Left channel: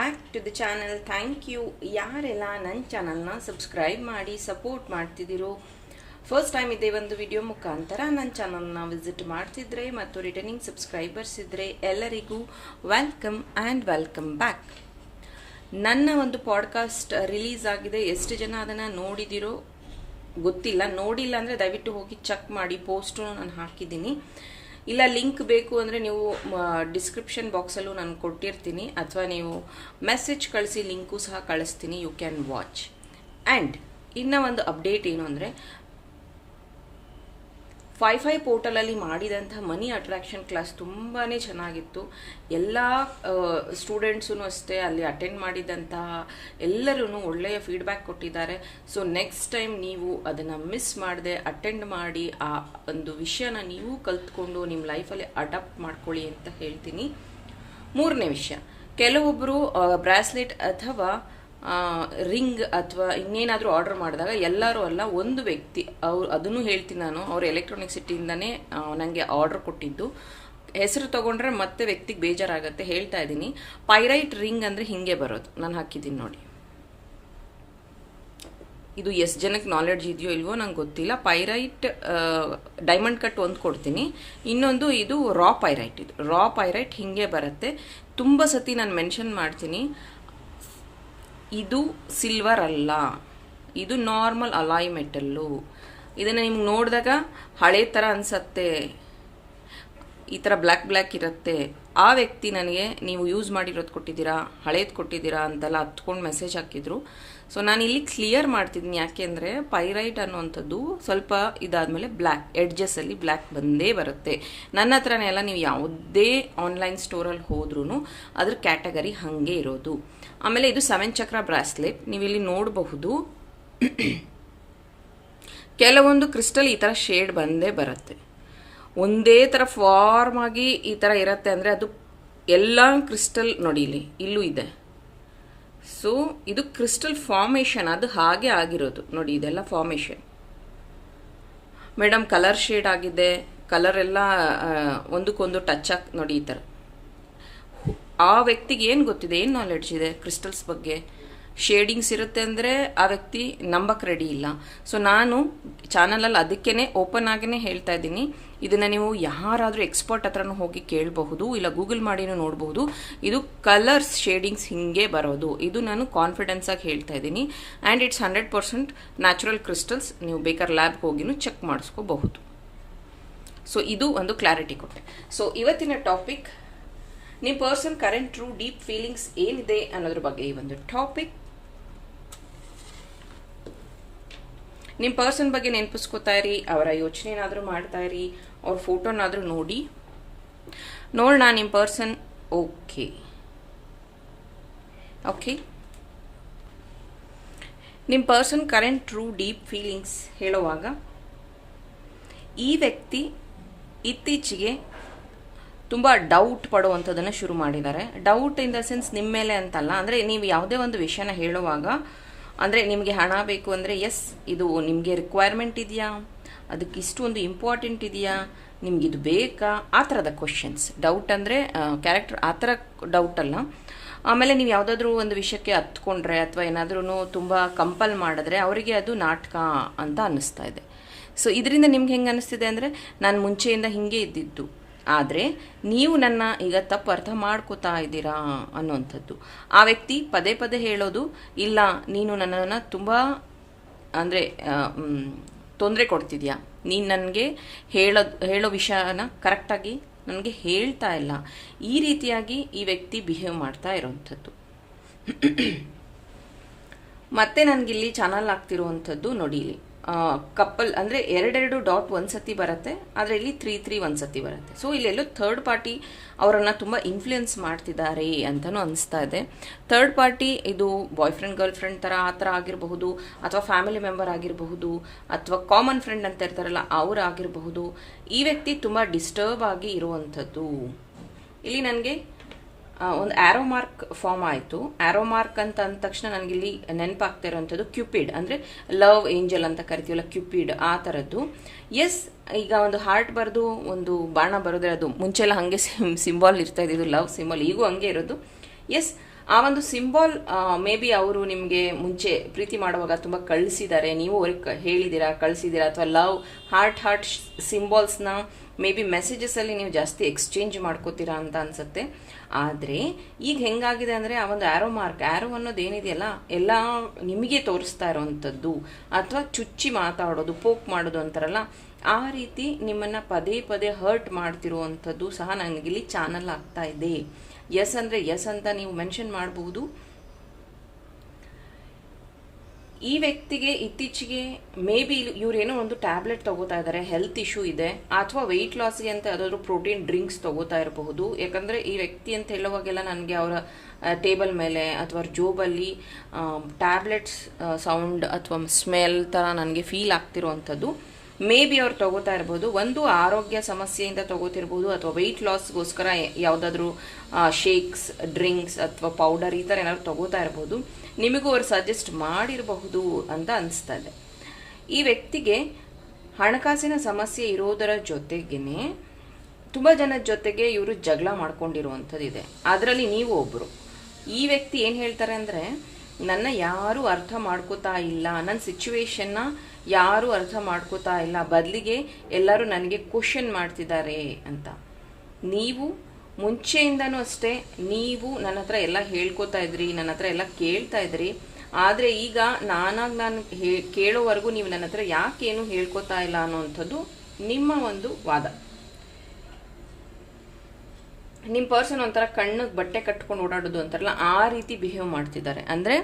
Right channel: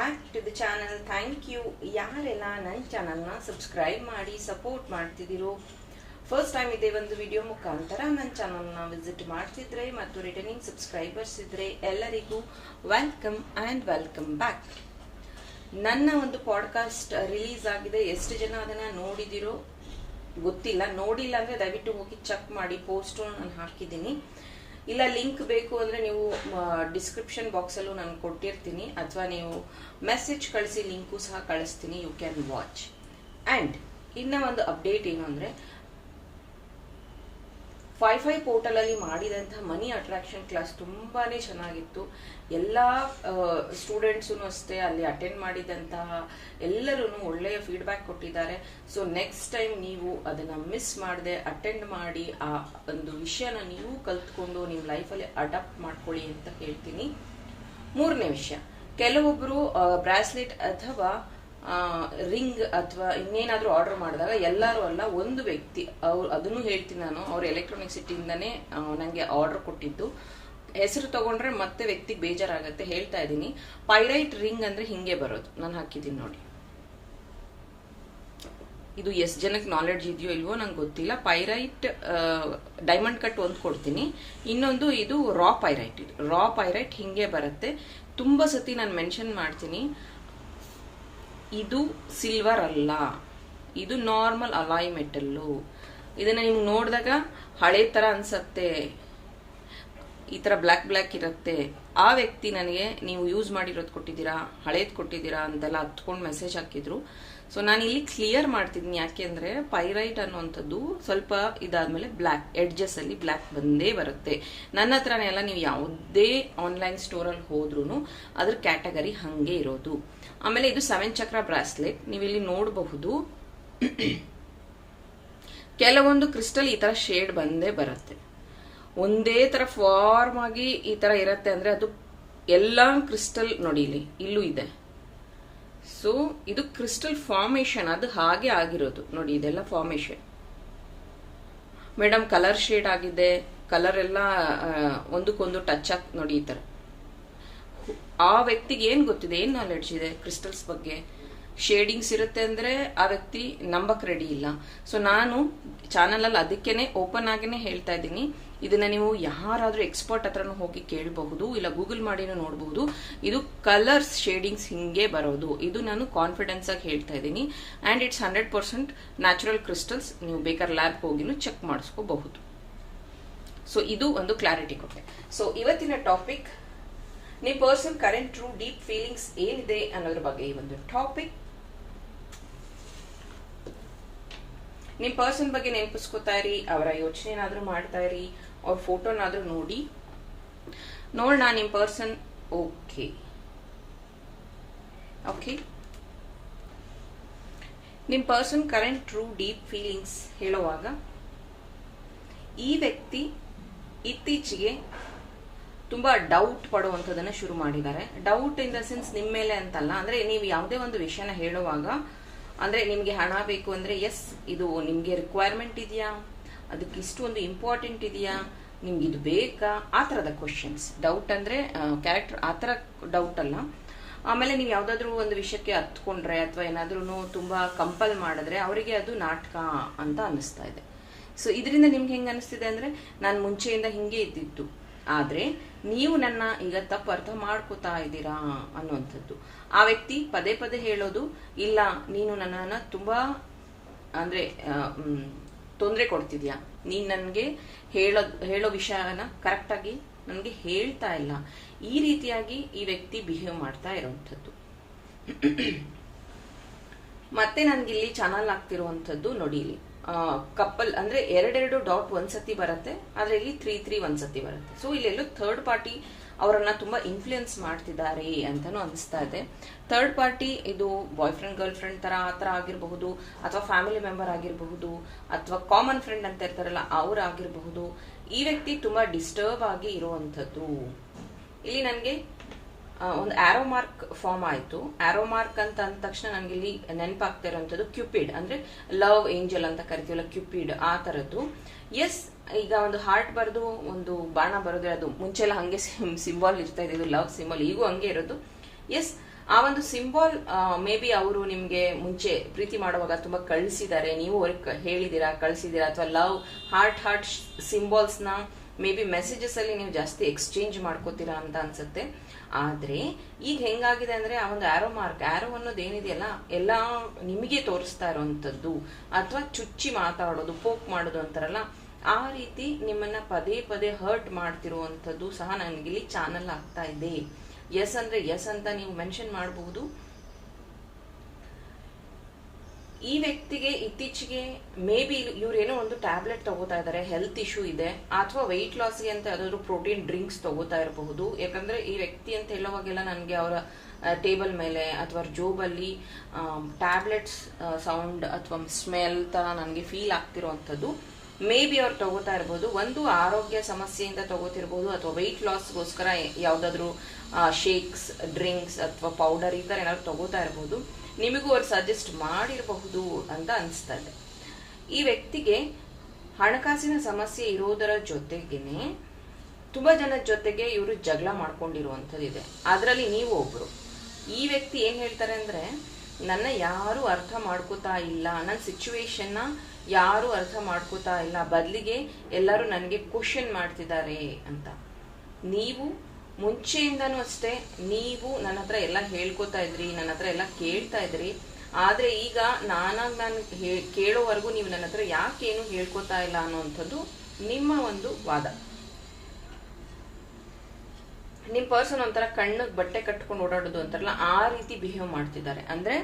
Back to the channel thank you ಯಾರೆಲ್ಲ ನನ್ನ ಚಾನಲ್ನ ಸಬ್ಸ್ಕ್ರೈಬ್ ಮಾಡಿ ಸಪೋರ್ಟ್ ಮಾಡ್ತಿದ್ದೀರೋ? ಫಸ್ಟ್ ಟೈಮ್ ಇದೆ ಒಂದು ವಿಡಿಯೋ ಮುಖಾಂತರ ನನ್ನ ಚಾನಲ್ನ ವಿಸಿಟ್ ಮಾಡ್ತಿದ್ರೆ ಮತ್ತು ರಿಟರ್ನಿಂಗ್ ಸಬ್ಸ್ಕ್ರೈಬರ್ಸ್ ಇದ್ರೆ ಎಲ್ಲರಿಗೂ ವೆಲ್ಕಮ್ ಆ್ಯಂಡ್ ವೆಲ್ಕಮ್ ಬ್ಯಾಕ್ ನನ್ನ ಒಂದು ಪಾಡ್ಕಾಸ್ಟ್ ರಿಲೀಸ್ ಆಗಿದೆ. ಎಷ್ಟು ಜನ ಅದನ್ನು ನೋಡಿದಿರೋ? ಗೊತ್ತಿಲ್ಲ. ನೋಡಿಲ್ಲ ಅಂದರೆ ದಯವಿಟ್ಟು ಹೋಗಿ ಚೆಕ್ ಮಾಡಿ. ಪೋಸ್ಟು ನಾನು ಹಾಕಿದ್ದೀನಿ. ಇಲ್ಲ ಲಿಂಕ್ ಬೇಕು ಅಂದರೆ ನೀವು ಡಿಸ್ಕ್ರಿಪ್ಷನ್ ಬಾಕ್ಸಲ್ಲೂ ನಾನು ಕೊಟ್ಟಿರ್ತೀನಿ. ಅಥವಾ ನೀವು ಮೆಸೇಜ್ ಕಳಿಸಿ ಲಿಂಕು ಸಹ ಕಳಿಸ್ತೀನಿ. ಯು ಕ್ಯಾನ್ ವಾಚ್ ಆ್ಯಂಡ್ ಇನ್ನೂ ಒಂದು ಅಪ್ಡೇಟ್ ಏನು ಅಂದರೆ ಫೈ ಫೈ ಪೋರ್ಟಲಲ್ಲಿ ಮಾಡಿದಂಥ ಮನಿ ಅಟ್ರಾಕ್ಷನ್ ಕ್ಲಾಸ್ ತುಂಬಾ ಚೆನ್ನಾಗಿತ್ತು. ಎಲ್ಲ ಸ್ಟೂಡೆಂಟ್ಸೂ ಅಷ್ಟೇ ಅಲ್ಲಿ ಅಟೆಂಡ್ ಮಾಡಿದಂತಹ ಎಲ್ಲರೂ ಒಳ್ಳೆಯ ಫೀಡ್ಬ್ಯಾಕ್ ಕೊಟ್ಟಿದ್ದಾರೆ. ಸೊ ನೆಕ್ಸ್ಟ್ ಟೈಮ್ ನೀವು ಅದನ್ನು ಮಿಸ್ ಮಾಡದೆ ಅಟೆಂಡ್ ಮಾಡಿ ಆ ಒಂದು ವಿಷಯನ ನೀವು ಕಲ್ತ್ಕೊಂಡು ನಿಮ್ಮ ಲೈಫಲ್ಲಿ ಅಡಾಪ್ಟ್ ಮಾಡ್ಕೊಳ್ಳಿ ಅಂತ ಹೇಳ್ತೀನಿ. ಮೂರನೇ ವಿಷಯ. ಕೆಲವೊಬ್ಬರು ಬ್ರಾಸ್ಲೆಟ್ ಅಥವಾ ರಿಂಗ್ ಅಥವಾ ಇನ್ನೇನಾದರೂ ಆರ್ಡರ್ ಮಾಡಿದಾಗ ಎಲ್ಲರೂ ಅಲ್ಲ, ಒಂದು ವ್ಯಕ್ತಿ, ಅವ್ರು ಅದನ್ನು ಹೇಳ್ತೀನಿ ನಾನು, ಅವ್ರು ಎಲೆಕ್ಟ್ರಾನಿಕ್ ಸಿಟಿಯಿಂದನೇ ನನಗೆ ಆರ್ಡರ್ ಕೊಟ್ಟಿದ್ದು. ಹೆಸರು ತಗೊಂಡ್ರೆ ಮತ್ತೆ ವ್ಯಕ್ತಿಗೆ ಬೇಜಾರಾಗತ್ತೆ, ಹೇಳ್ತಾ ಇದ್ದೀನಿ. ಪೈರೈಟ್ ರಿಂಗ್ ಅಂದರೆ ಹಿಂಗೆ ಬರೋದು. ನಾನು ಹಾಕಿದ್ದೀನಿ ನೋಡಿ. ಇದು ಎಷ್ಟು ಜನಕ್ಕೆ ನಾಲೆಡ್ಜ್ ಇದೆಯೋ ಇಲ್ವೋ ನಂಗೆ ಗೊತ್ತಿಲ್ಲ. ಪೈರೈಟ್ ಡೈಮಂಡ್ ಕಟ್ ಒಂದು ಕೊಡ್ತೀನಿ. ಇನ್ನೊಂದು ಇದು ರಾ ಪೈರೈಟ್ ಇದು. ರಾ ಪೈರೈಟ್ ಹಿಂಗೆ ಬರುತ್ತೆ. ತುಂಬ ಸತಿ ನಾನು ಮೆನ್ಷನ್ ಮಾಡ್ತೀನಿ. ಇದು ಸಿಲ್ವರ್ ಅಲ್ಲ. ಇದು ನಾರ್ಮಲ್ ಅಲಾಯ್ ಮೆಟಲ್ಲು ಇದನ್ನು ನಿಮ್ಗೆ ನೋಡಿದಾಗ ಹಳೆ ಥರ ಅನ್ಸತ್ತೆ. ಈ ಥರ ಬ್ಲ್ಯಾಕ್ ಬ್ಲ್ಯಾಕ್ ಇರುತ್ತೆ. ಆ ವ್ಯಕ್ತಿ ನನಗೆ, ನೀವು ಯೂಸ್ ಮಾಡಿರೋದು ಕೊಟ್ಟಿದ್ದೀರಾ? ಹಳೇದು ಕೊಟ್ಟಿದ್ದೀರಾ? ಅಂತೆಲ್ಲ ಹತ್ಕೊಂಡು ಮೆಸೇಜ್ ಹಾಕಿದ್ರು. ಸೊ ನಾನು ಇಲ್ಲಿ ಕ್ಲಿಯರ್ ಮಾಡ್ತಿದ್ದೀನಿ ಯಾಕೆಂದರೆ ಪೈರೈಟ್ ಅನ್ನುವಂಥದ್ದು ಸ್ವಲ್ಪ ಇದಾದಮೇಲೆ ಬ್ಲ್ಯಾಕ್ ಎಡ್ಜಸ್ಸಲ್ಲಿ ಬ್ಲ್ಯಾಕ್ ಬಂದೇ ಬರುತ್ತೆ. ನನ್ನ ಹತ್ರನೇ ಎಲ್ಲ ನೀವು ಯಾವುದೇ ಆನ್ಲೈನ್ ಸ್ಟೋರಲ್ಲಿ ಹೋದ್ರೂ ಅದ್ರ ಕ್ಯಾಟಗರಿ ಹಾಗೆ ಇರೋದು. ಆಮೇಲೆ ಇದು ಸೆವೆನ್ ಚಕ್ರ ಬ್ರಾಸ್ಲೆಟ್ ನೀವು ಇಲ್ಲಿ ನೋಡಬಹುದು. ಕೆಲವೊಂದು ಕ್ರಿಸ್ಟಲ್ ಈ ಥರ ಶೇಡ್ ಬಂದೇ ಬರುತ್ತೆ. ಒಂದೇ ಥರ ಫಾರ್ಮ್ ಆಗಿ ಈ ಥರ ಇರುತ್ತೆ ಅಂದರೆ ಅದು ಎಲ್ಲ ಕ್ರಿಸ್ಟಲ್ ನೋಡಿ ಇಲ್ಲಿ, ಇಲ್ಲೂ ಇದೆ. ಸೊ ಇದು ಕ್ರಿಸ್ಟಲ್ ಫಾರ್ಮೇಶನ್ ಅದು ಹಾಗೆ ಆಗಿರೋದು. ನೋಡಿ, ಇದೆಲ್ಲ ಫಾರ್ಮೇಶನ್ ಮೇಡಮ್ ಕಲರ್ ಶೇಡ್ ಆಗಿದೆ. ಕಲರ್ ಎಲ್ಲ ಒಂದಕ್ಕೊಂದು ಟಚ್ ಆಗಿ, ನೋಡಿ, ಈ ಥರ ಆ ವ್ಯಕ್ತಿಗೆ ಏನು ಗೊತ್ತಿದೆ? ಏನು ನಾಲೆಡ್ಜ್ ಇದೆ ಕ್ರಿಸ್ಟಲ್ಸ್ ಬಗ್ಗೆ? ಶೇಡಿಂಗ್ಸ್ ಇರುತ್ತೆ ಅಂದರೆ ಆ ವ್ಯಕ್ತಿ ನಂಬಕ್ ರೆಡಿ ಇಲ್ಲ. ಸೊ ನಾನು ಚಾನಲಲ್ಲಿ ಅದಕ್ಕೇನೆ ಓಪನ್ ಆಗಿನೇ ಹೇಳ್ತಾ ಇದ್ದೀನಿ. ಇದನ್ನ ನೀವು ಯಾರಾದರೂ ಎಕ್ಸ್ಪರ್ಟ್ ಹತ್ರನೂ ಹೋಗಿ ಕೇಳಬಹುದು, ಇಲ್ಲ ಗೂಗಲ್ ಮಾಡಿನೂ ನೋಡಬಹುದು. ಇದು ಕಲರ್ಸ್ ಶೇಡಿಂಗ್ಸ್ ಹಿಂಗೆ ಬರೋದು. ಇದು ನಾನು ಕಾನ್ಫಿಡೆನ್ಸ್ ಆಗಿ ಹೇಳ್ತಾ ಇದ್ದೀನಿ. And it's hundred percent natural crystals ನೀವು ಬೇಕಾದ್ರೆ ಲ್ಯಾಬ್ಗೆ ಹೋಗಿನೂ ಚೆಕ್ ಮಾಡಿಸ್ಕೋಬಹುದು. ಸೊ ಇದು ಒಂದು ಕ್ಲಾರಿಟಿ ಕೊಟ್ಟೆ. ಸೊ ಇವತ್ತಿನ ಟಾಪಿಕ್ ನಿಮ್ಮ person current true deep feelings ಏನಿದೆ ಅನ್ನೋದ್ರ ಬಗ್ಗೆ ಈ ಒಂದು ಟಾಪಿಕ್ ನಿಮ್ಮ ಪರ್ಸನ್ ಬಗ್ಗೆ ನೆನಪಿಸ್ಕೋತಾ ಇರಿ, ಅವರ ಯೋಚನೆನಾದ್ರೂ ಮಾಡ್ತಾ ಇರಿ, ಅವ್ರ ಫೋಟೋನಾದ್ರೂ ನೋಡಿ. ನೋಡೋಣ ನಿಮ್ಮ ಪರ್ಸನ್ ಓಕೆ ಓಕೆ ನಿಮ್ಮ person current true deep feelings ಹೇಳುವಾಗ, ಈ ವ್ಯಕ್ತಿ ಇತ್ತೀಚೆಗೆ ತುಂಬ ಡೌಟ್ ಪಡುವಂಥದ್ದನ್ನು ಶುರು ಮಾಡಿದ್ದಾರೆ. ಡೌಟ್ ಇನ್ ದ ಸೆನ್ಸ್ ನಿಮ್ಮ ಮೇಲೆ ಅಂತಲ್ಲ, ಅಂದರೆ ನೀವು ಯಾವುದೇ ಒಂದು ವಿಷಯನ ಹೇಳುವಾಗ ಅಂದರೆ ನಿಮಗೆ ಹಣ ಬೇಕು ಅಂದರೆ ಎಸ್ ಇದು ನಿಮಗೆ ರಿಕ್ವೈರ್ಮೆಂಟ್ ಇದೆಯಾ? ಅದಕ್ಕೆ ಇಷ್ಟೊಂದು ಇಂಪಾರ್ಟೆಂಟ್ ಇದೆಯಾ? ನಿಮ್ಗೆ ಇದು ಬೇಕಾ? ಆ ಥರದ ಕ್ವಶನ್ಸ್ ಡೌಟ್ ಅಂದರೆ ಕ್ಯಾರೆಕ್ಟರ್ ಆ ಥರ ಡೌಟ್ ಅಲ್ಲ. ಆಮೇಲೆ ನೀವು ಯಾವುದಾದ್ರೂ ಒಂದು ವಿಷಯಕ್ಕೆ ಹತ್ಕೊಂಡ್ರೆ ಅಥವಾ ಏನಾದ್ರೂ ತುಂಬ ಕಂಪಲ್ ಮಾಡಿದ್ರೆ ಅವರಿಗೆ ಅದು ನಾಟಕ ಅಂತ ಅನ್ನಿಸ್ತಾ ಇದೆ. ಸೊ ಇದರಿಂದ ನಿಮ್ಗೆ ಹೆಂಗೆ ಅನ್ನಿಸ್ತಿದೆ ಅಂದರೆ, ನಾನು ಮುಂಚೆಯಿಂದ ಹಿಂಗೆ ಇದ್ದಿದ್ದು. ಆದರೆ ನೀವು ನನ್ನ ಈಗ ತಪ್ಪು ಅರ್ಥ ಮಾಡ್ಕೋತಾ ಇದ್ದೀರಾ ಅನ್ನುವಂಥದ್ದು. ಆ ವ್ಯಕ್ತಿ ಪದೇ ಪದೇ ಹೇಳೋದು, ಇಲ್ಲ, ನೀನು ನನ್ನನ್ನು ತುಂಬ, ಅಂದರೆ ತೊಂದರೆ ಕೊಡ್ತಿದ್ಯಾ? ನೀನು ನನಗೆ ಹೇಳೋ ಹೇಳೋ ವಿಷಯನ ಕರೆಕ್ಟಾಗಿ ನನಗೆ ಹೇಳ್ತಾ ಇಲ್ಲ. ಈ ರೀತಿಯಾಗಿ ಈ ವ್ಯಕ್ತಿ ಬಿಹೇವ್ ಮಾಡ್ತಾ ಇರೋವಂಥದ್ದು. ಮತ್ತೆ ನನಗಿಲ್ಲಿ ಚಾನಲ್ ಆಗ್ತಿರುವಂಥದ್ದು ನೋಡಿಲಿ ಕಪ್ಪಲ್ ಅಂದರೆ ಎರಡೆರಡು ಡಾಟ್ ಒಂದ್ಸತಿ ಬರುತ್ತೆ ಆದರೆ ಇಲ್ಲಿ ತ್ರೀ ತ್ರೀ ಒಂದ್ಸತಿ ಬರುತ್ತೆ. ಸೊ ಇಲ್ಲೆಲ್ಲೋ ಥರ್ಡ್ ಪಾರ್ಟಿ ಅವರನ್ನು ತುಂಬ ಇನ್ಫ್ಲೂಯೆನ್ಸ್ ಮಾಡ್ತಿದ್ದಾರೆ ಅಂತಲೂ ಅನಿಸ್ತಾ ಇದೆ. ಥರ್ಡ್ ಪಾರ್ಟಿ ಇದು ಬಾಯ್ ಫ್ರೆಂಡ್ ಗರ್ಲ್ ಫ್ರೆಂಡ್ ಥರ ಆ ಆಗಿರಬಹುದು, ಅಥವಾ ಫ್ಯಾಮಿಲಿ ಮೆಂಬರ್ ಆಗಿರಬಹುದು, ಅಥವಾ ಕಾಮನ್ ಫ್ರೆಂಡ್ ಅಂತ ಇರ್ತಾರಲ್ಲ, ಅವ್ರು ಆಗಿರಬಹುದು, ಈ ವ್ಯಕ್ತಿ ತುಂಬ ಡಿಸ್ಟರ್ಬ್ ಆಗಿ ಇರುವಂಥದ್ದು. ಇಲ್ಲಿ ನನಗೆ ಒಂದು ಆರೋ ಮಾರ್ಕ್ ಫಾರ್ಮ್ ಆಯಿತು. ಆರೋ ಮಾರ್ಕ್ ಅಂತ ಅಂದ ತಕ್ಷಣ ನನಗೆ ಇಲ್ಲಿ ನೆನಪಾಗ್ತಾ ಇರೋವಂಥದ್ದು ಕ್ಯೂಪಿಡ್ ಅಂದರೆ ಲವ್ ಏಂಜಲ್ ಅಂತ ಕರಿತೀವಲ್ಲ ಕ್ಯೂಪಿಡ್ ಆ ಥರದ್ದು ಎಸ್ ಈಗ ಒಂದು ಹಾರ್ಟ್ ಬರೆದು ಒಂದು ಬಾಣ ಬರೋದ್ರೆ ಅದು ಮುಂಚೆಲ್ಲ ಹಾಗೆ ಸಿಮ್ ಸಿಂಬಾಲ್ ಇರ್ತಾ ಇದ್ದು ಲವ್ ಸಿಂಬಲ್ ಈಗೂ ಹಂಗೆ ಇರೋದು. ಎಸ್ ಆ ಒಂದು ಸಿಂಬಾಲ್ ಮೇ ಬಿ ಅವರು ನಿಮಗೆ ಮುಂಚೆ ಪ್ರೀತಿ ಮಾಡುವಾಗ ತುಂಬ ಕಳಿಸಿದ್ದಾರೆ. ನೀವು ಅವ್ರಿಗೆ ಹೇಳಿದ್ದೀರಾ, ಕಳಿಸಿದ್ದೀರಾ, ಅಥವಾ ಲವ್ ಹಾರ್ಟ್ ಹಾರ್ಟ್ ಸಿಂಬಾಲ್ಸ್ನ ಮೇ ಬಿ ಮೆಸೇಜಸ್ ಅಲ್ಲಿ ನೀವು ಜಾಸ್ತಿ ಎಕ್ಸ್ಚೇಂಜ್ ಮಾಡ್ಕೋತೀರಾ ಅಂತ ಅನ್ಸುತ್ತೆ. ಆದ್ರೆ ಈಗ ಹೆಂಗಾಗಿದೆ ಅಂದ್ರೆ ಆ ಒಂದು ಆ್ಯರೋ ಮಾರ್ಕ್ ಆ್ಯರೋ ಅನ್ನೋದು ಏನಿದೆಯಲ್ಲ, ಎಲ್ಲ ನಿಮಗೆ ತೋರಿಸ್ತಾ ಇರೋವಂಥದ್ದು ಅಥವಾ ಚುಚ್ಚಿ ಮಾತಾಡೋದು ಪೋಕ್ ಮಾಡೋದು ಅಂತಾರಲ್ಲ, ಆ ರೀತಿ ನಿಮ್ಮನ್ನ ಪದೇ ಪದೇ ಹರ್ಟ್ ಮಾಡ್ತಿರುವಂಥದ್ದು ಸಹ ನನಗಿಲ್ಲಿ ಚಾನಲ್ ಆಗ್ತಾ ಇದೆ. ಎಸ್ ಅಂದ್ರೆ ಎಸ್ ಅಂತ ನೀವು ಮೆನ್ಷನ್ ಮಾಡಬಹುದು ಈ ವ್ಯಕ್ತಿಗೆ ಇತ್ತೀಚೆಗೆ ಮೇ ಬಿ ಇವರೇನೋ ಒಂದು ಟ್ಯಾಬ್ಲೆಟ್ ತಗೋತಾ ಇದ್ದಾರೆ ಹೆಲ್ತ್ ಇಶ್ಯೂ ಇದೆ, ಅಥವಾ ವೆಯ್ಟ್ ಲಾಸ್ಗೆ ಅಂತ ಯಾವ್ದಾದ್ರು ಪ್ರೋಟೀನ್ ಡ್ರಿಂಕ್ಸ್ ತಗೋತಾ ಇರಬಹುದು. ಯಾಕಂದ್ರೆ ಈ ವ್ಯಕ್ತಿ ಅಂತ ಹೇಳುವಾಗೆಲ್ಲ ನನಗೆ ಅವರ ಟೇಬಲ್ ಮೇಲೆ ಅಥವಾ ಜೋಬಲ್ಲಿ ಟ್ಯಾಬ್ಲೆಟ್ಸ್ ಸೌಂಡ್ ಅಥವಾ ಸ್ಮೆಲ್ ತರ ನನಗೆ ಫೀಲ್ ಆಗ್ತಿರೋವಂಥದ್ದು ಮೇ ಬಿ ಅವ್ರು ತಗೋತಾ ಇರ್ಬೋದು. ಒಂದು ಆರೋಗ್ಯ ಸಮಸ್ಯೆಯಿಂದ ತಗೋತಿರ್ಬೋದು ಅಥವಾ ವೆಯ್ಟ್ ಲಾಸ್ಗೋಸ್ಕರ ಯಾವ್ದಾದ್ರು ಶೇಕ್ಸ್ ಡ್ರಿಂಕ್ಸ್ ಅಥವಾ ಪೌಡರ್ ಈ ಥರ ಏನಾದ್ರು ತಗೋತಾ ಇರ್ಬೋದು. ನಿಮಗೂ ಅವ್ರು ಸಜೆಸ್ಟ್ ಮಾಡಿರಬಹುದು ಅಂತ ಅನಿಸ್ತಾ ಇದೆ. ಈ ವ್ಯಕ್ತಿಗೆ ಹಣಕಾಸಿನ ಸಮಸ್ಯೆ ಇರೋದರ ಜೊತೆಗೇನೆ ತುಂಬ ಜನ ಜೊತೆಗೆ ಇವರು ಜಗಳ ಮಾಡ್ಕೊಂಡಿರುವಂಥದ್ದು ಇದೆ ಅದರಲ್ಲಿ ನೀವು ಒಬ್ಬರು ಈ ವ್ಯಕ್ತಿ ಏನು ಹೇಳ್ತಾರೆ ಅಂದರೆ, ನನ್ನ ಯಾರು ಅರ್ಥ ಮಾಡ್ಕೋತಾ ಇಲ್ಲ ನನ್ನ ಸಿಚುವೇಶನ್ನ ಯಾರು ಅರ್ಥ ಮಾಡ್ಕೋತಾ ಇಲ್ಲ, ಬದಲಿಗೆ ಎಲ್ಲರೂ ನನಗೆ ಕ್ವಶನ್ ಮಾಡ್ತಿದ್ದಾರೆ ಅಂತ. ನೀವು ಮುಂಚೆಯಿಂದನೂ ಅಷ್ಟೇ, ನೀವು ನನ್ನ ಹತ್ರ ಎಲ್ಲ ಹೇಳ್ಕೊತಾ ಇದ್ರಿ, ನನ್ನ ಹತ್ರ ಎಲ್ಲ ಕೇಳ್ತಾ ಇದ್ರಿ. ಆದ್ರೆ ಈಗ ನಾನಾಗ್ ನಾನು ಕೇಳೋವರೆಗೂ ನೀವು ನನ್ನ ಹತ್ರ ಯಾಕೇನು ಹೇಳ್ಕೊತಾ ಇಲ್ಲ ಅನ್ನುವಂಥದ್ದು ನಿಮ್ಮ ಒಂದು ವಾದ. ನಿಮ್ಮ ಪರ್ಸನ್ ಒಂಥರ ಕಣ್ಣಿಗೆ ಬಟ್ಟೆ ಕಟ್ಕೊಂಡು ಓಡಾಡೋದು ಅಂತಾರಲ್ಲ, ಆ ರೀತಿ ಬಿಹೇವ್ ಮಾಡ್ತಿದ್ದಾರೆ. ಅಂದ್ರೆ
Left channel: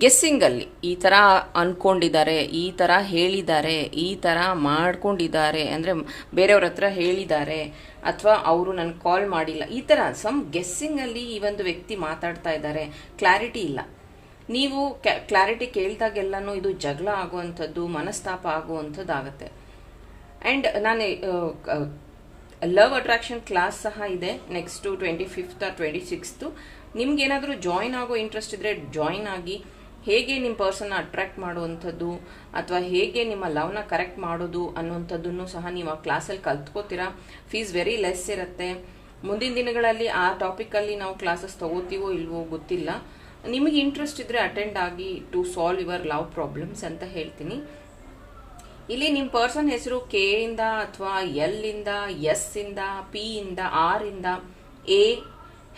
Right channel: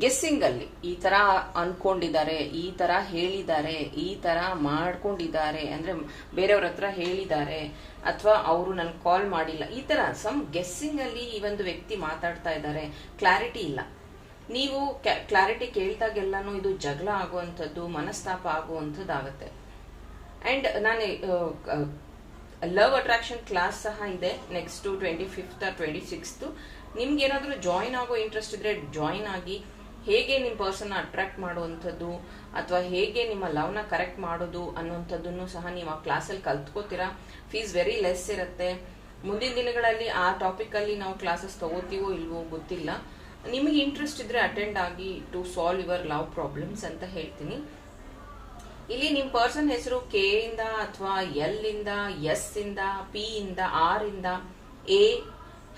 ಗೆಸ್ಸಿಂಗ್ ಅಲ್ಲಿ ಈ ತರ ಅನ್ಕೊಂಡಿದ್ದಾರೆ, ಈ ತರ ಹೇಳಿದ್ದಾರೆ, ಈ ತರ ಮಾಡ್ಕೊಂಡಿದ್ದಾರೆ ಅಂದ್ರೆ ಬೇರೆಯವ್ರ ಹತ್ರ ಹೇಳಿದ್ದಾರೆ ಅಥವಾ ಅವರು ನನಗೆ ಕಾಲ್ ಮಾಡಿಲ್ಲ. ಈ ತರ ಸಮ್ ಗೆಸ್ಸಿಂಗಲ್ಲಿ ಈ ಒಂದು ವ್ಯಕ್ತಿ ಮಾತಾಡ್ತಾ ಇದ್ದಾರೆ. ಕ್ಲಾರಿಟಿ ಇಲ್ಲ. ನೀವು ಕ್ಲಾರಿಟಿ ಕೇಳಿದಾಗೆಲ್ಲನೂ ಇದು ಜಗಳ ಆಗುವಂಥದ್ದು, ಮನಸ್ತಾಪ ಆಗುವಂಥದ್ದು ಆಗತ್ತೆ ಅಂಡ್ ನಾನು ಲವ್ ಅಟ್ರಾಕ್ಷನ್ ಕ್ಲಾಸ್ ಸಹ ಇದೆ. Next twenty fifth twenty sixth ನಿಮ್ಗೆ ಏನಾದರೂ ಜಾಯಿನ್ ಆಗೋ ಇಂಟ್ರೆಸ್ಟ್ ಇದ್ರೆ ಜಾಯಿನ್ ಆಗಿ ಹೇಗೆ ನಿಮ್ಮ ಪರ್ಸನ್ ಅಟ್ರಾಕ್ಟ್ ಮಾಡುವಂಥದ್ದು, ಅಥವಾ ಹೇಗೆ ನಿಮ್ಮ ಲವ್ನ ಕರೆಕ್ಟ್ ಮಾಡೋದು ಅನ್ನುವಂಥದ್ದನ್ನು ಸಹ ನೀವು ಆ ಕ್ಲಾಸಲ್ಲಿ ಕಲ್ತ್ಕೋತೀರಾ? ಫೀಸ್ ವೆರಿ ಲೆಸ್ ಇರುತ್ತೆ. ಮುಂದಿನ ದಿನಗಳಲ್ಲಿ ಆ ಟಾಪಿಕಲ್ಲಿ ನಾವು ಕ್ಲಾಸಸ್ ತಗೋತೀವೋ ಇಲ್ವೋ ಗೊತ್ತಿಲ್ಲ. ನಿಮಗೆ ಇಂಟ್ರೆಸ್ಟ್ ಇದ್ರೆ ಅಟೆಂಡ್ ಆಗಿ to solve your love problems ಅಂತ ಹೇಳ್ತೀನಿ. ಇಲ್ಲಿ ನಿಮ್ಮ ಪರ್ಸನ್ ಹೆಸರು ಕೆ ಇಂದ ಅಥವಾ ಎಲ್ ಇಂದ ಎಸ್ ಇಂದ ಪಿ ಇಂದ ಆರ್ ಇಂದ ಎ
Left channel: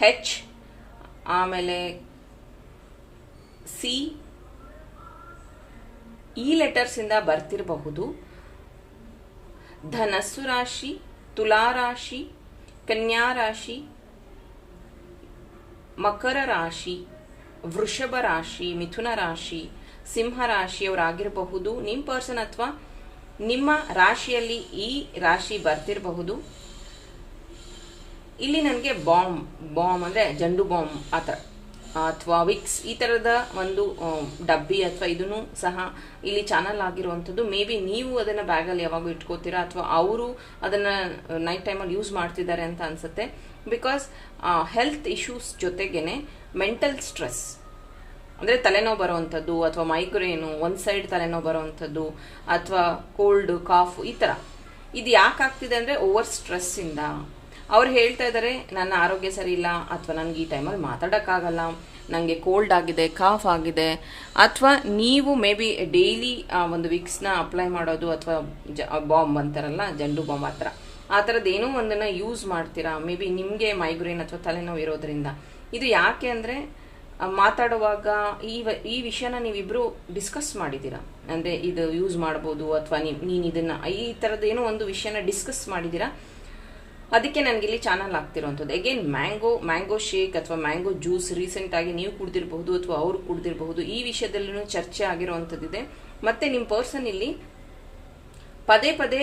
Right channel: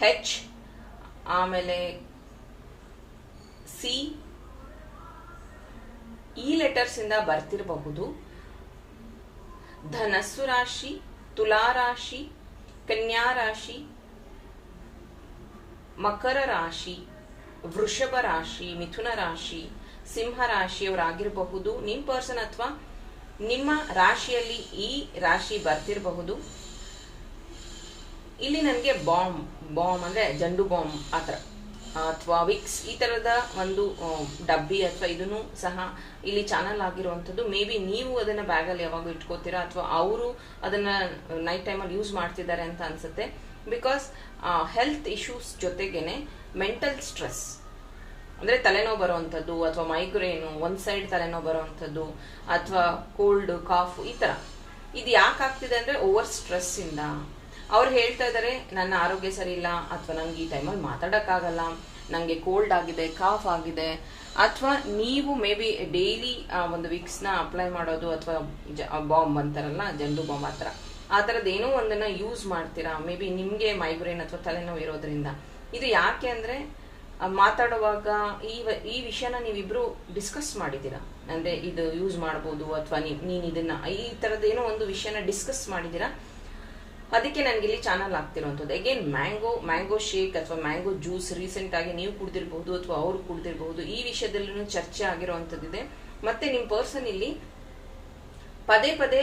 ಹೆಚ್ ಆಮೇಲೆ ಸಿ ಈ ಲೆಟರ್ಸ್ ಇಂದ ಬರ್ತಿರಬಹುದು. ಧನಸ್ಸು ರಾಶಿ, ತುಲಾ ರಾಶಿ, ಕನ್ಯಾ ರಾಶಿ, ಮಕರ ರಾಶಿ, ವೃಷಭ ರಾಶಿ, ಮಿಥುನ ರಾಶಿ, ಸಿಂಹ ರಾಶಿಯವರಾಗಿರಬಹುದು. ನಿಮ್ ಪರ್ಸನ್ ಅಥವಾ ನಿಮ್ಮ ರಾಶಿಯಲ್ಲಿ ಈ ರಾಶಿ ಬರ್ತಿರಬಹುದು. ಇಲ್ಲಿ ನನಗೆ ಬಾಂಬ್ ಬಾಂಬ್ ಅಂದ್ರೆ ಜಂಡು ಬಾಂಬ್ ಆತರ ಅಥವಾ ವಿಕ್ಸ್ ಈ ತರದ ಒಂದು ಡಬ್ಬಿ ಅಥವಾ ಇದನ್ನು ಸಹ ಇಲ್ಲಿ ಚಾನಲ್ ಆಗಿರುವಂತದ್ದು ಮೇ ಬಿ ನೀವು ಅದನ್ನ ಬ್ಯಾಗ್ ಅಲ್ಲಿ ಯಾವಾಗ ಇಟ್ಕೋತೀರಾ ಅಥವಾ ಅವರು ಅದನ್ನ ನೈಟ್ ಟೈಮಲ್ಲಿ ಯೂಸ್ ಮಾಡ್ತಿದ್ದಾರೆ ಅಂತ ಅನ್ಸುತ್ತೆ. ಬಿಕಾಸ್ ಹೆಲ್ತ್ ಇಶ್ಯೂಸ್ ಜೊತೆಗೇನೆ ಮೆಂಟಲ್ ಸ್ಟ್ರೆಸ್ ಅಂದ್ರೆ ತಲೆನೋವು ಬರುವಂಥದ್ದು ಅಥವಾ ಮೈಗ್ರೇನು ಒಂದ್ ಸೈಡ್ ತಲೆನೋವು ಬರುವಂಥದ್ದು ಅಥವಾ ಕೋಲ್ಡ್ ಕಾಫ್ ಈ ತರ. ಇದು ಯಾಕೆ ಆಗ್ತಿದೆ ಅಂದ್ರೆ ಓವರ್ ಸ್ಟ್ರೆಸ್ ಇಂದ ಅವ್ರು ಹೇಳ್ತಾ ಇದ್ದಾರೆ ನನ್ನ ಆರೋಗ್ಯ ಸರಿ ಇಲ್ಲ ಅಥವಾ ನನಗೆ ಈ ಟೈಮಲ್ಲಿ ಮಾತಾಡೋಕ್ಕಾಗಲ್ಲ ನನಗೆ ಕೋಲ್ಡ್ ಆಗಿದೆ ಕಾಫ್ ಆಗಿದೆ. ಅಥವಾ ನೀವು ಮೇ ಬಿ ಡೈಲಿ ಒಂದು ವಿಕ್ಸ್ನ ಅಪ್ಲೈ ಮಾಡೋದು, ಅಥವಾ ಬಾಂಬ್ ಅಂತಾರಲ್ಲ, ಜಂಡು ಬಾಂಬ್ ಥರ. ಆ ಥರದ್ದು ಒಂದನ್ನ ಯೂಸ್ ಮಾಡ್ತೀರಾ? ಮೇ ಬಿ ನಿಮಗೆ ಮೈಗ್ರೇನ್ ಅಥವಾ ತಲೆನೋವು ಇರೋದ್ರಿಂದ. ಇದು ಯಾಕೆ ಅಂದರೆ ಮಾತಾಡುವಾಗ ಈ ಈ ವಿಷಯನ ನೀವಿಬ್ರು ಡಿಸ್ಕಸ್ ಮಾಡಿದ್ದೀರಾ? ಅಂದರೆ ಇದು ಯೂಸ್ ಮಾಡ್ಬೋದು, ಅಥವಾ ನೀನು ಇದನ್ನ ಈ ಥರದ್ದೇನೋ ಒಂದು ವಿಷಯನ ಡಿಸ್ಕಸ್ ಮಾಡಿದ್ದೀರಾ? ಅದಕ್ಕೆ ನನಗೆ ಇಲ್ಲಿ ಚಾನಲ್ ಆಗ್ತಿರುವಂಥದ್ದು. ಅಗೇನ್ ಮ್ಯಾಂಗೋ ಮ್ಯಾಂಗೋ ಶೇಕ್ ಅಥವಾ ಮ್ಯಾಂಗೋ ಜ್ಯೂಸ್ ರೀಸೆಂಟ್ ಆಗಿ ನೀವು ಕುಡ್ದಿರಬಹುದು ಅಥವಾ ಅವರು ಕುಡ್ದಿರಬಹುದು, ಈ ವಿಷಯದಲ್ಲೂ ಚರ್ಚೆ ಆಗಿರುವಂಥದ್ದಿದೆ. ಮತ್ತೆ ನಿಮ್ಮ ಪರ್ಸನ್ ಇಲ್ಲಿ ಪದೇ ಪದೇ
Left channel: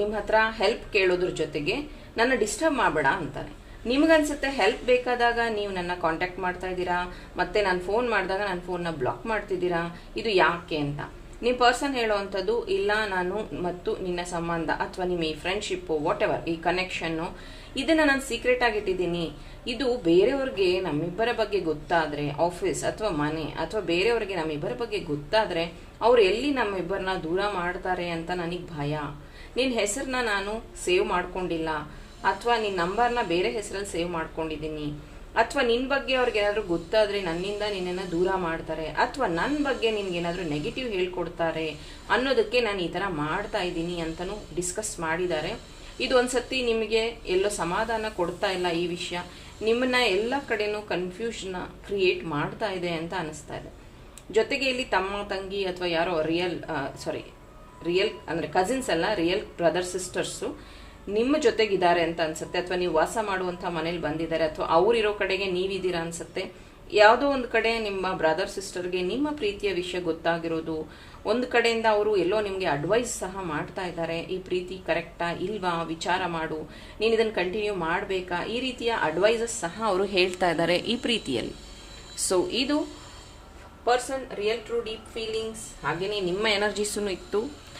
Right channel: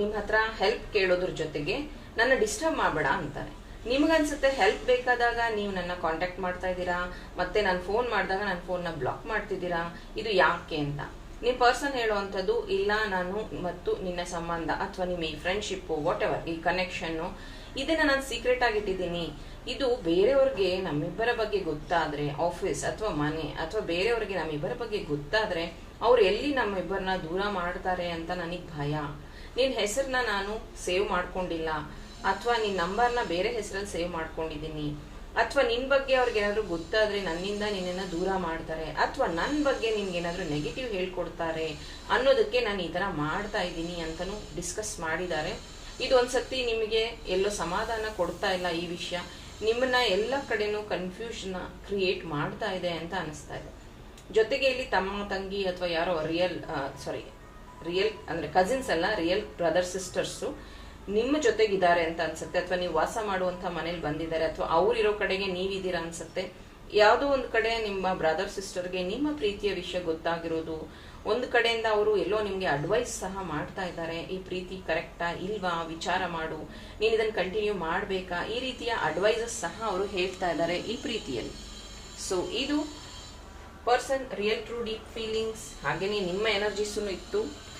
ನಿಮ್ಮ ನಿಮ್ ಹತ್ರ ಹೆಲ್ಪ್ ಕೇಳೋದ್ರ ಜೊತೆಗೆ ನನ್ನ ಡಿಸ್ಟರ್ಬ್ ಮಾಡಬೇಡ ಅಂತಾರೆ. ನಿಮ್ಗನ್ಸುತ್ತೆ ಹೆಲ್ಪ್ ಬೇಕಾದಾಗ ನೀವು ನನ್ನ ಕಾಂಟ್ಯಾಕ್ಟ್ ಮಾಡ್ತಾ ಇದ್ದೀರಾ? ಮತ್ತೆ ನಾನು ಫೋನ್ ಮಾಡಿದಾಗ ನನ್ನ ಫೋನ್ನ ಬ್ಲಾಕ್ ಮಾಡ್ತಿದ್ದೀರಾ? ಇದು ಯಾಕೆ ಅಂತ? ನಿಮ್ಮ ಪರ್ಸನ್ ಹೇಳುವಂಥದ್ದು ಇಲ್ಲ, ನಾನು ಮತ್ತು ನಿನ್ನ ಸಂಬಂಧ ಅಥವಾ ನಿಮ್ಮ ಈ ಫ್ರೆಂಡ್ಶಿಪ್ ವಾಟ್ ಎವರ್ ಈ ಕನೆಕ್ಷನ್ನು ಇದನ್ನ ನಾನು ಸೀಕ್ರೆಟ್ ಆಗಿಟ್ಟಿದ್ದೀನಿ ಇದು ಬೇರೆಯವ್ರಿಗೆ ನಮ್ಮಿಬ್ಬರ ಬಗ್ಗೆ ಗೊತ್ತಾದ್ರೆ ಆಫೀಸ್ ಅಥವಾ ಮನೆ ಅಥವಾ ಬೇರೆಯವ್ರಿಗೆ ನಮ್ಮಿಬ್ಬರ ಬಗ್ಗೆ ಗೊತ್ತಾದ್ರೆ, ಅವ್ರು ಎಲ್ಲಿ ನಮ್ಮಿಬ್ಬರನ್ನ ದೂರ ಮಾಡ್ತಾರೆ ಅಂತ ನನಗೆ ಭಯ. ನಿನ್ನ ಹೆಸರನ್ನ ನಾನು ಸೇವ್ ಮಾಡ್ಕೊಂಡಿಲ್ಲ. ಅಥವಾ ನಿನ್ನ ನಂಬರ್ನ ಬೇರೆ ಹೆಸರಲ್ಲಿ ಸೇವ್ ಮಾಡ್ಕೊಂಡಿದ್ದೀನಿ. ಅಥವಾ ನಿನ್ ಬಗ್ಗೆ ಅವ್ರಿಗೆ ಏನಾದ್ರು ಗೊತ್ತಾದ್ರೆ ನನ್ನಿಂದ ನಿನ್ನನ್ನ ದೂರ ಮಾಡ್ತಾರೆ, ಅಥವಾ ನನ್ನ ಬಗ್ಗೆ ನಿನ್ಗೆ ಏನಾದ್ರು ನೆಗೆಟಿವ್ ಹೇಳ್ಕೊಡ್ತಾರೆ ಅನ್ನೋದಕ್ಕೆ ನಾನು ಈ ತರ ಮಾಡ್ತಾ ಇದ್ದೀನಿ ಅಂತಾನು ಡಿಸ್ಕಸ್ ಮಾಡಿದ್ದಾರೆ. ಇದು ಒಂದ್ಸತಿ ನಿಮಗೆ ಎಲ್ಲೋ ಸಮಾಧಾನ ಕೊಡ್ತಾ ಇಲ್ಲ ಈ ವಿಷಯ, ನಿಮ್ಮನ್ನ ಎಲ್ಲ ಕಡೆನೂ ಕನ್ಫ್ಯೂಷನ್ ಕ್ರಿಯೇಟ್ ಮಾಡ್ತಾ ಇದೆ ಅಂತ ಅನಿಸ್ತಾ ಇದೆ. ಜೊತೆಗೆ ಇಲ್ಲಿ ತಮ್ಮ ತಂಗಿ ಅಥವಾ ಯಾರೋ ರಿಯಲ್ ಸಾರಿ ರಿಯಲ್ ಅಂದ್ರೆ ಕಸಿನ್ಸ್ ಅಲ್ಲ ರಿಯಲ್ ಬ್ರದರ್ ಸಿಸ್ಟರ್ಸು ನಿಮ್ಮ ಜೊತೆಗಿದ್ದಾರೆ ಅಂತ ಅನ್ಸುತ್ತೆ, ಅಥವಾ ನೀವು ವಾಸ ಮಾಡುವಂತ ಮನೇಲಿ ಬಂದಿದ್ದಾರೆ, ಅಥವಾ ಅವರಿರೋ ಕಡೆಗೆ ನೀವಿದ್ದೀರಾ ಅನ್ಸುತ್ತೆ, ಯಾವುದೋ ಒಂದು ಕಡೆ ನಿಮ್ಮ ಬ್ರದರ್ ಸಿಸ್ಟರ್ಗೆ ನಿಮ್ಮ ಪ್ರೀತಿಯ ವಿಷಯ ಗೊತ್ತಾಗಿರೋದು, ಒಂದು ಕಡೆಯಿಂದ ಅವರು ಎಲ್ಲೋ ನಿಮಗೆ ಅಡ್ವೈಸ್ ಸಹ ಮಾಡ್ತಾ ಇದ್ದಾರೆ, ಈ ಪ್ರೀತಿ ಕರೆಕ್ಟಾ ಇಲ್ವಾ, ವಿಚಾರ ಮಾಡು, ನೀನು ಇದನ್ನು ಕಂಟಿನ್ಯೂ ಮಾಡಬೇಕಾ, ಈ ರೀತಿಯ ಅಡ್ವೈಸಸ್ ಸಹ ಅವರು ಹೇಳ್ತಾ ಇದ್ದಾರೆ ಈ ಪ್ರೀತಿಯಲ್ಲಿ. ಸೊ ಇದು person real true deep feelings ಹಾಗೇನೆ ನಿಮ್ಮ ಎನರ್ಜಿಸೂ ಇತ್ತು.